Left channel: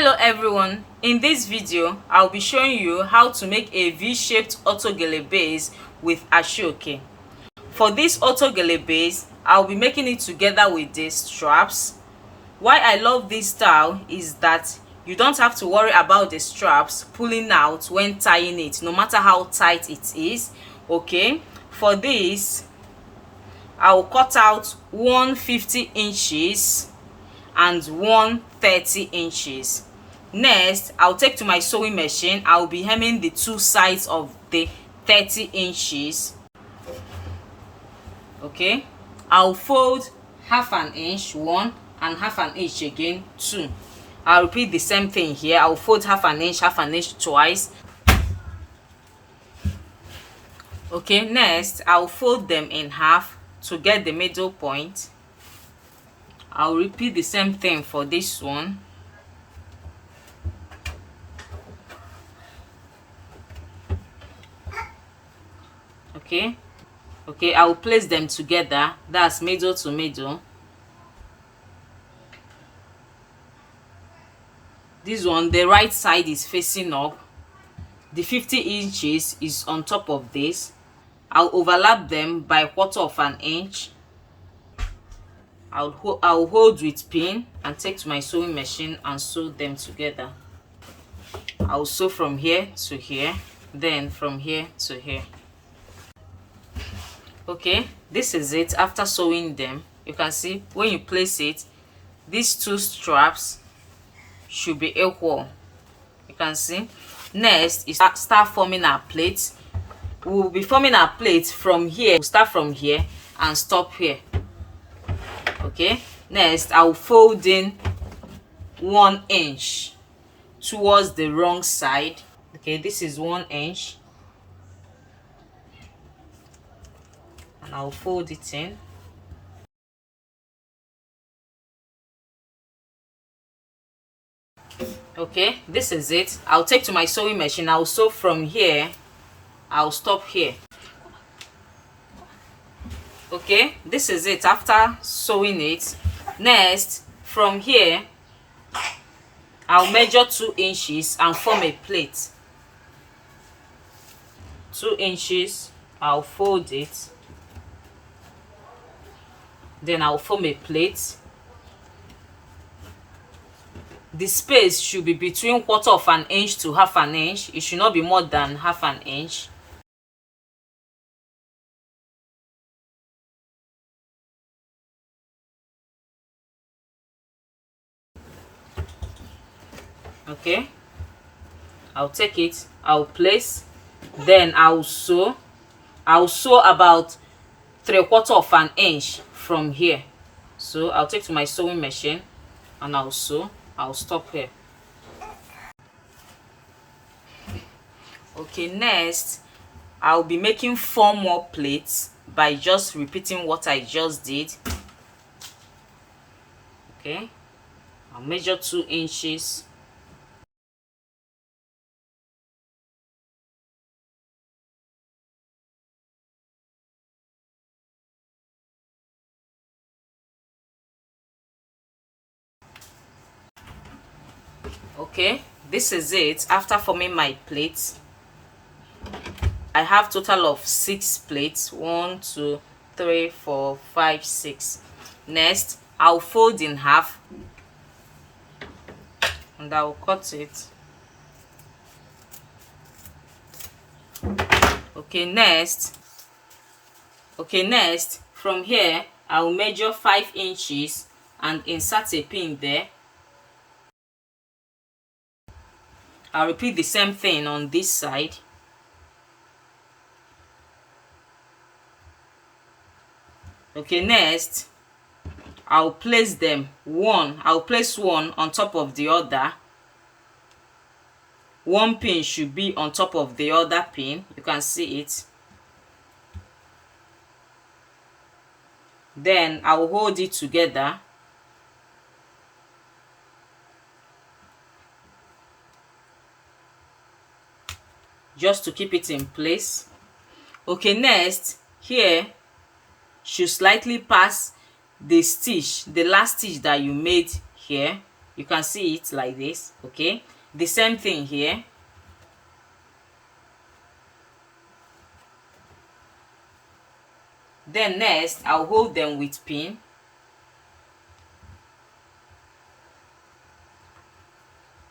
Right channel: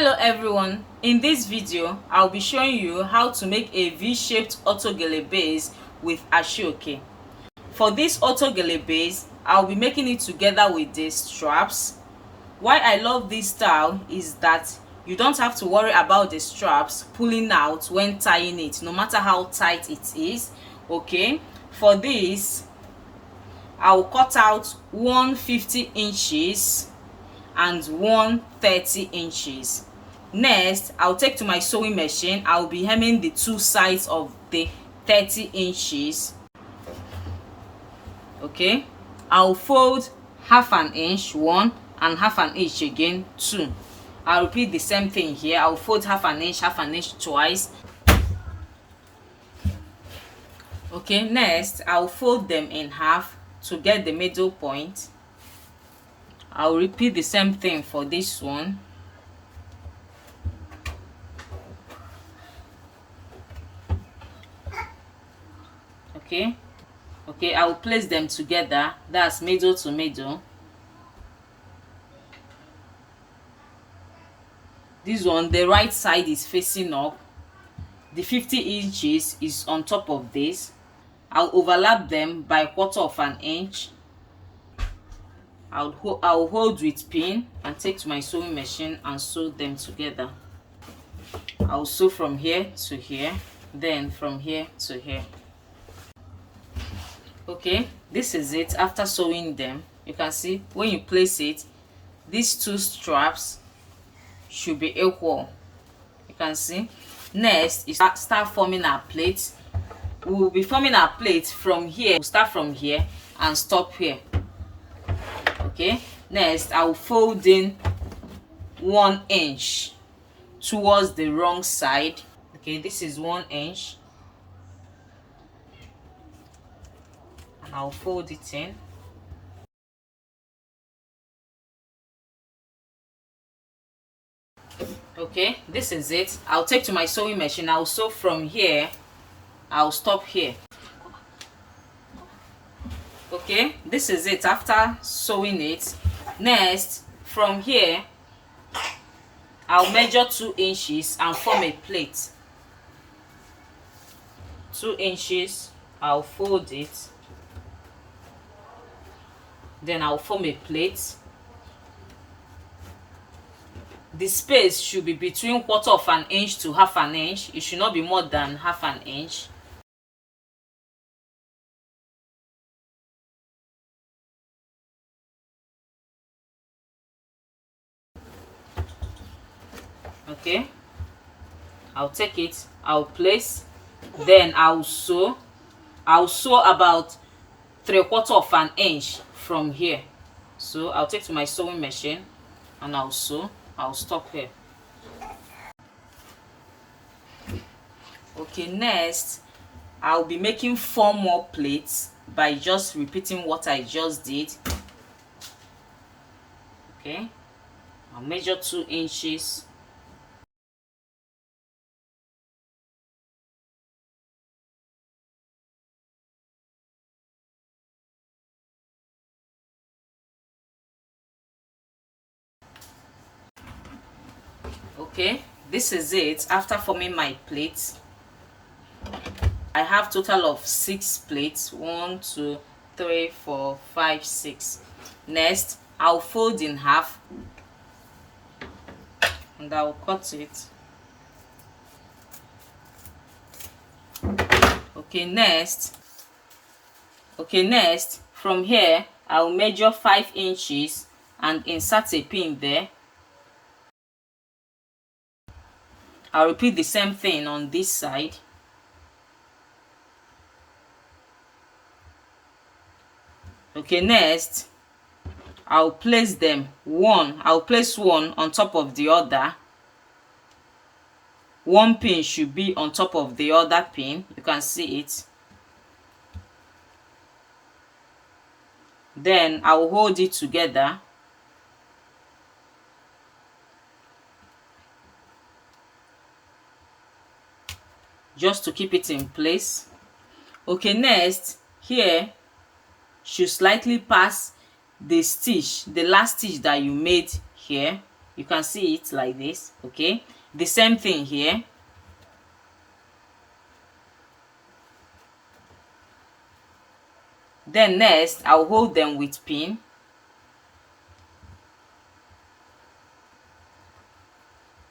Hello everyone, in this video I'll be showing you how to make a V-shaped autogele base with ashoke. For this autogele base, I'll be making it together with these straps. Why I love this style is that you don't have to worry about the straps pulling out when tying it, no matter how tight it is. Okay, for this I'll cut out 150 inches and 130 inches. Next, I'll take to my sewing machine. I'll be hemming the two sides of the 30 inches. Okay, I'll fold half an inch, one, and half an inch again, two. I'll repeat the same thing here. I'll fold half an inch twice. Okay, next I'll fold them in half to get the middle point. I'll repeat the same thing for this one. Okay, I'll place them together. That's middle to middle. This one, the right side is facing up. The 50 inches is on top of this. I'll overlap them by 1/4 of an inch. I'll hold with pin and take to my sewing machine and sew them together. I'll sew from here to here, then from here to here. Okay, this is it. After sewing them, you can see when you place it, these two straps should be equal. You can see. Next is start forming our plate. We will be forming our plate from here. We'll start from here and stop here. Okay, next I will fold in 1 inch towards the wrong side. Okay, this is 1 inch, and I'll fold it in. Okay, this is it. I'll take to my sewing machine. I'll sew from here. I'll stop here. Okay, this is it after sewing it. Next, from here I'll measure 2 inches and form a plate. 2 inches, I'll fold it, then I'll form a plate. The space should be between 1/4 of an inch to half an inch. It should not be more than half an inch. Okay, I'll take it, I'll place, then I'll sew about 3/4 of an inch from here. So I'll take to my sewing machine and I'll sew. I'll stop here. Okay, next I'll be making 4 more plates by just repeating what I just did. Okay, I'll measure 2 inches. Okay, this is it after forming my plates. I have total of 6 plates. 1 2 3 4 5 6. Next, I'll fold in half and I'll cut it. Okay, next from here I'll measure 5 inches and insert a pin there. I'll repeat the same thing on this side. Okay, next I'll place them I'll place one on top of the other. One pin should be on top of the other pin. You can see it. Then I'll hold it together. Just to keep it in place. Okay, next here should slightly pass the stitch, the last stitch that you made here. You can see it like this. Okay, the same thing here. Then next, I'll hold them with pin.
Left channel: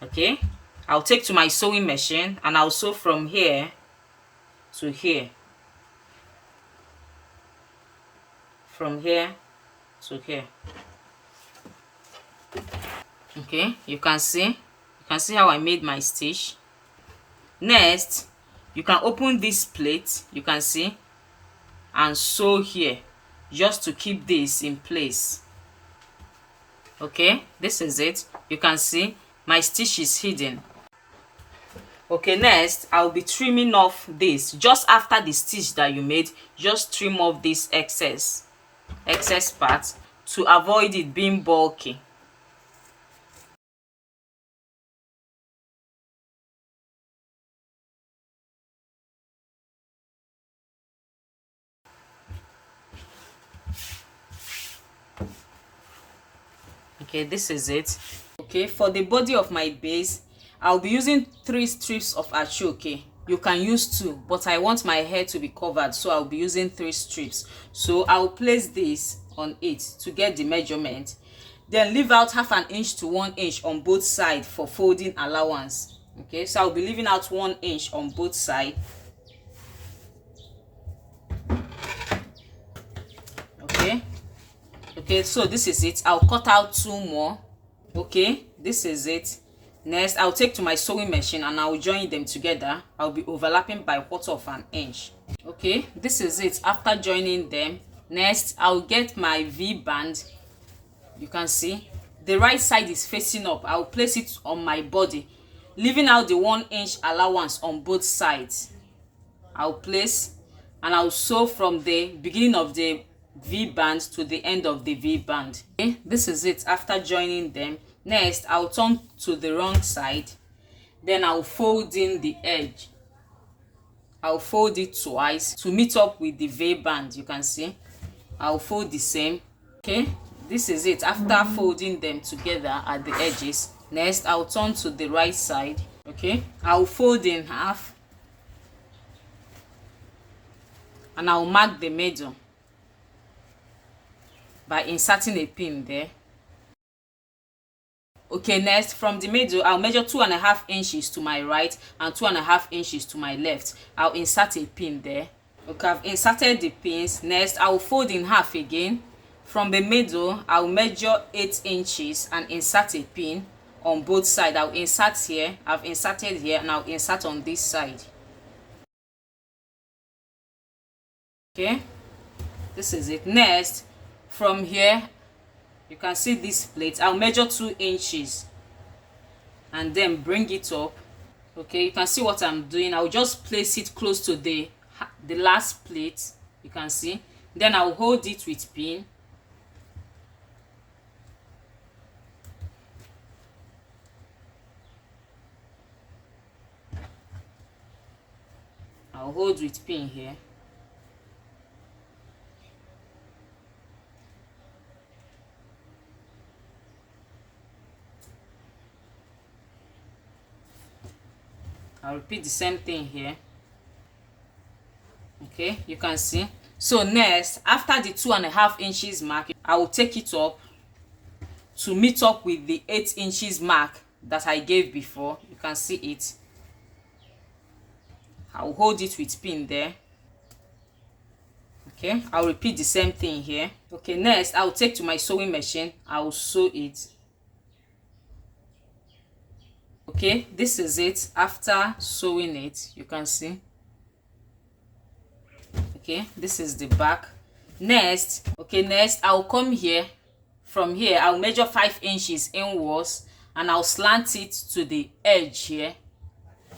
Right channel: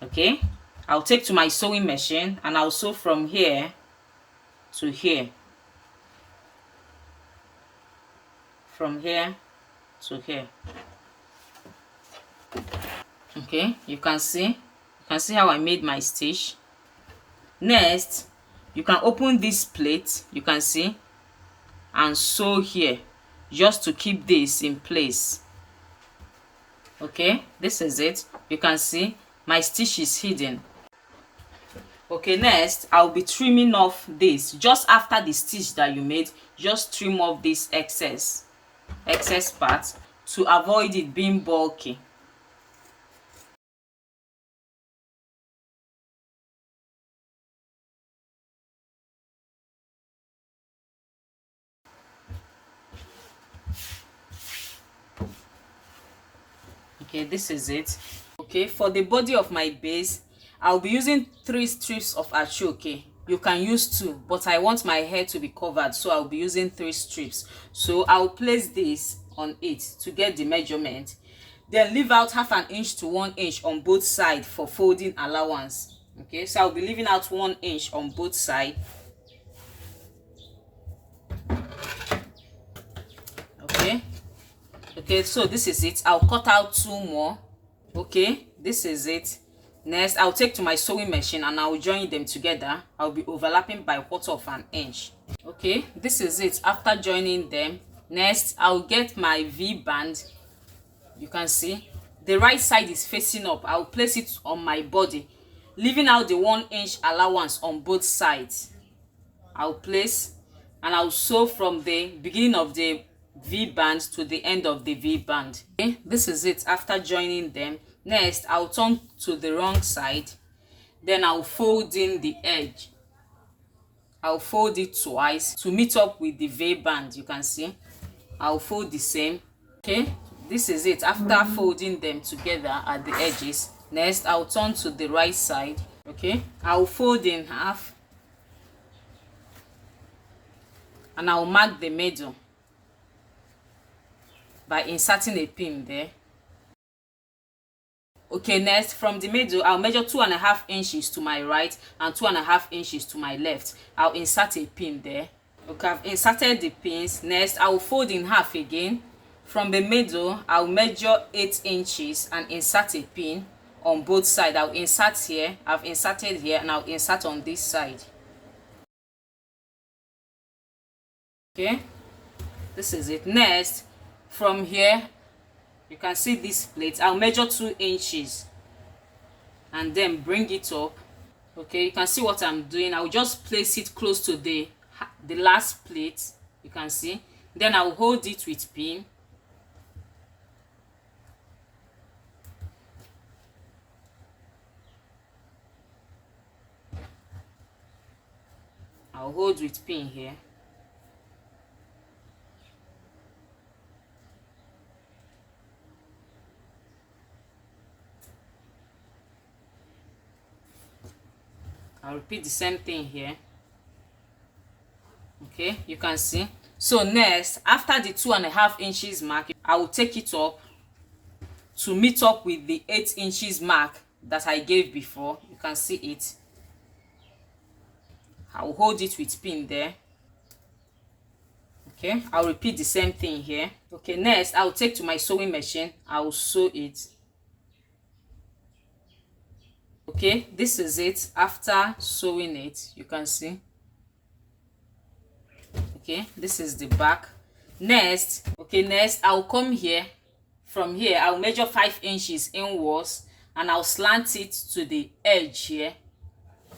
Okay, I'll take to my sewing machine and I'll sew from here to here, from here to here. Okay, you can see how I made my stitch. Next, you can open this plate, you can see, and sew here just to keep this in place. Okay, this is it. You can see my stitch is hidden. Okay, next I'll be trimming off this. Just after the stitch that you made, just trim off this excess part to avoid it being bulky. Okay, this is it. Okay, for the body of my base, I'll be using 3 strips of achoke. You can use 2, but I want my hair to be covered, so I'll be using 3 strips. So I'll place this on it to get the measurement. Then leave out 1/2 inch to 1 inch on both sides for folding allowance. Okay, so I'll be leaving out 1 inch on both sides. Okay, so this is it. I'll cut out 2 more. Okay, this is it. Next, I'll take to my sewing machine and I'll join them together. I'll be overlapping by 1/4 inch. Okay, this is it. After joining them, next I'll get my V band. You can see the right side is facing up. I'll place it on my body, leaving out the 1 inch allowance on both sides. I'll place and I'll sew from the beginning of the V band to the end of the V band. Okay, this is it. After joining them, next I'll turn to the wrong side. Then I'll fold in the edge. I'll fold it twice to meet up with the V band. You can see I'll fold the same. Okay, this is it. After folding them together at the edges, next I'll turn to the right side. Okay, I'll fold in half and I'll mark the middle by inserting a pin there. Okay, next from the middle, I'll measure 2.5 inches to my right and 2.5 inches to my left. I'll insert a pin there. Okay, I've inserted the pins. Next, I'll fold in half again. From the middle, I'll measure 8 inches and insert a pin on both sides. I'll insert here, I've inserted here, and I'll insert on this side. Okay, this is it. Next, from here, you can see this plate. I'll measure 2 inches and then bring it up. Okay, you can see what I'm doing. I'll just place it close to the last plate. You can see. Then I'll hold it with pin. I'll hold with pin here. I'll repeat the same thing here. Okay, you can see. So next, after the 2.5 inches mark, I will take it up to meet up with the 8 inches mark that I gave before. You can see it. I'll hold it with pin there. Okay, I'll repeat the same thing here. Okay, next I'll take to my sewing machine. I'll sew it. Okay, this is it. After sewing it, you can see. Okay, this is the back. Next, okay, next I'll come here. From here, I'll measure 5 inches inwards and I'll slant it to the edge here.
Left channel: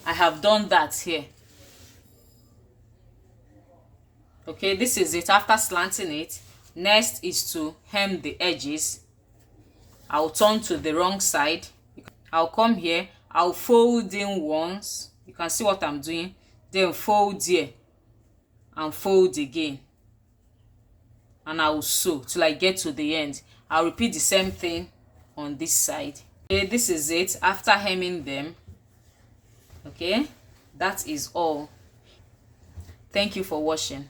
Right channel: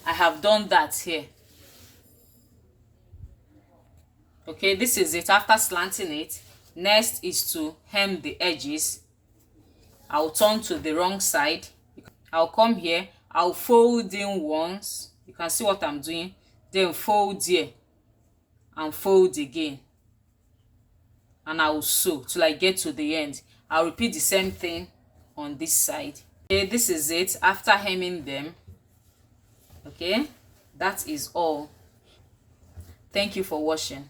I have done that here. Okay, this is it. After slanting it, next is to hem the edges. I'll turn to the wrong side. I'll come here. I'll fold in once. You can see what I'm doing. Then fold here and fold again. And I will sew till I get to the end. I'll repeat the same thing on this side. Okay, this is it after hemming them. Okay, that is all. Thank you for watching.